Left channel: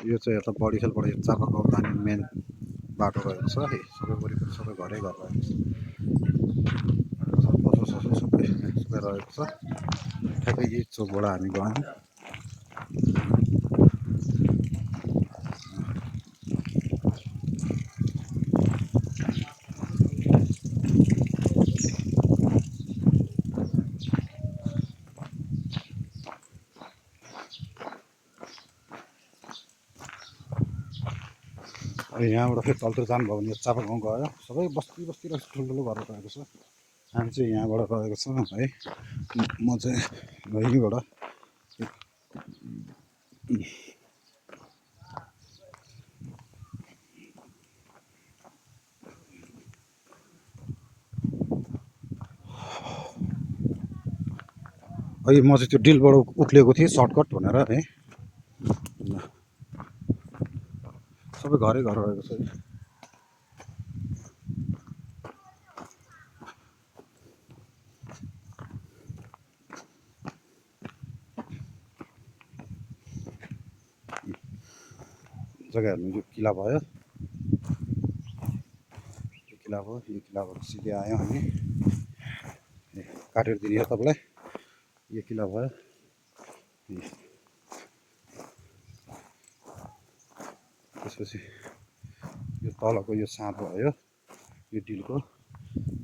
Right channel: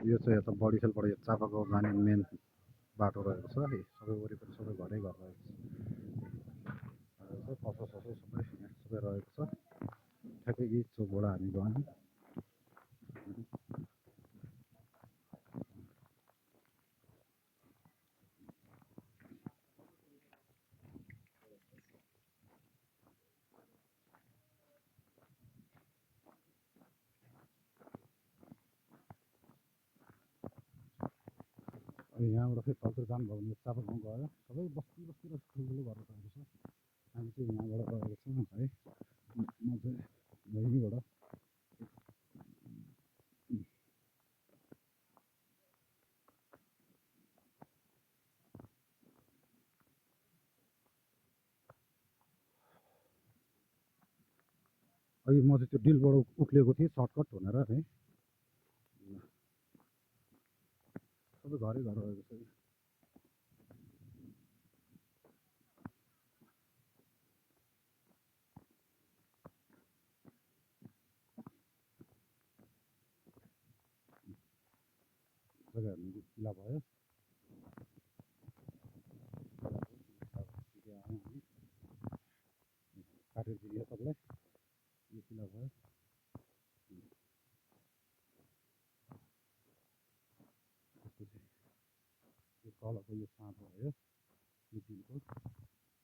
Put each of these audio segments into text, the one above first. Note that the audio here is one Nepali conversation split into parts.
यो चाहिँ यता बडीखेलबाट यो चापागाउँ जाने मेन बाटो रहेको छ है। सबै वरिपरि सबै घरै घर रहेको छ। पसल ससल सबै सबै रहेको छ। ठ्याक्कै यही चोकबाट हामी गयौँ। यहाँबाट फेरि तलतिर जानुभयो भने चापागाउँ गयो। सबै बस्ती बस्ती रहेछ, ठुल्ठुलो घर रहेको छ। हामी चाहिँ यहाँबाट रहेको छ है। म चाहिँ यहीँबाट अहिले म चाहिँ त्यो डिलबाट उक्लिएको थिएँ सर्टकट भनेर है। सबै घरै घर रहेको छ। जग्गा हेर्नु, यो किला भयो, यो किला भयो। यो किलाबाट सिधै आयौँ हामी। काटेर दिने हो तपाईँलाई। यो किला भयो। त्यसपछि यो तलको यो साँधो भयो, यो डिलको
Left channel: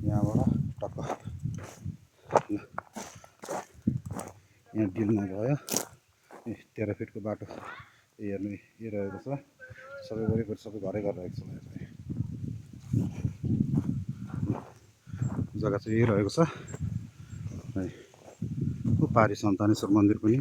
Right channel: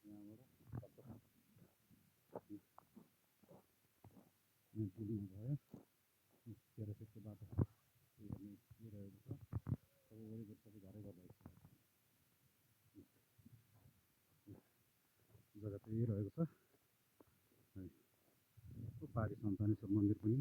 यहाँबाट टक्क यहाँ डिलमा गयो। 13 फिटको बाटो हेर्नु यो रहेको छ। सबै वरिपरि सबै घरै घर रहेको छ। जग्गा चाहिँ यही रहेको छ है। पारी सन्तानेश्वर मन्दिर पनि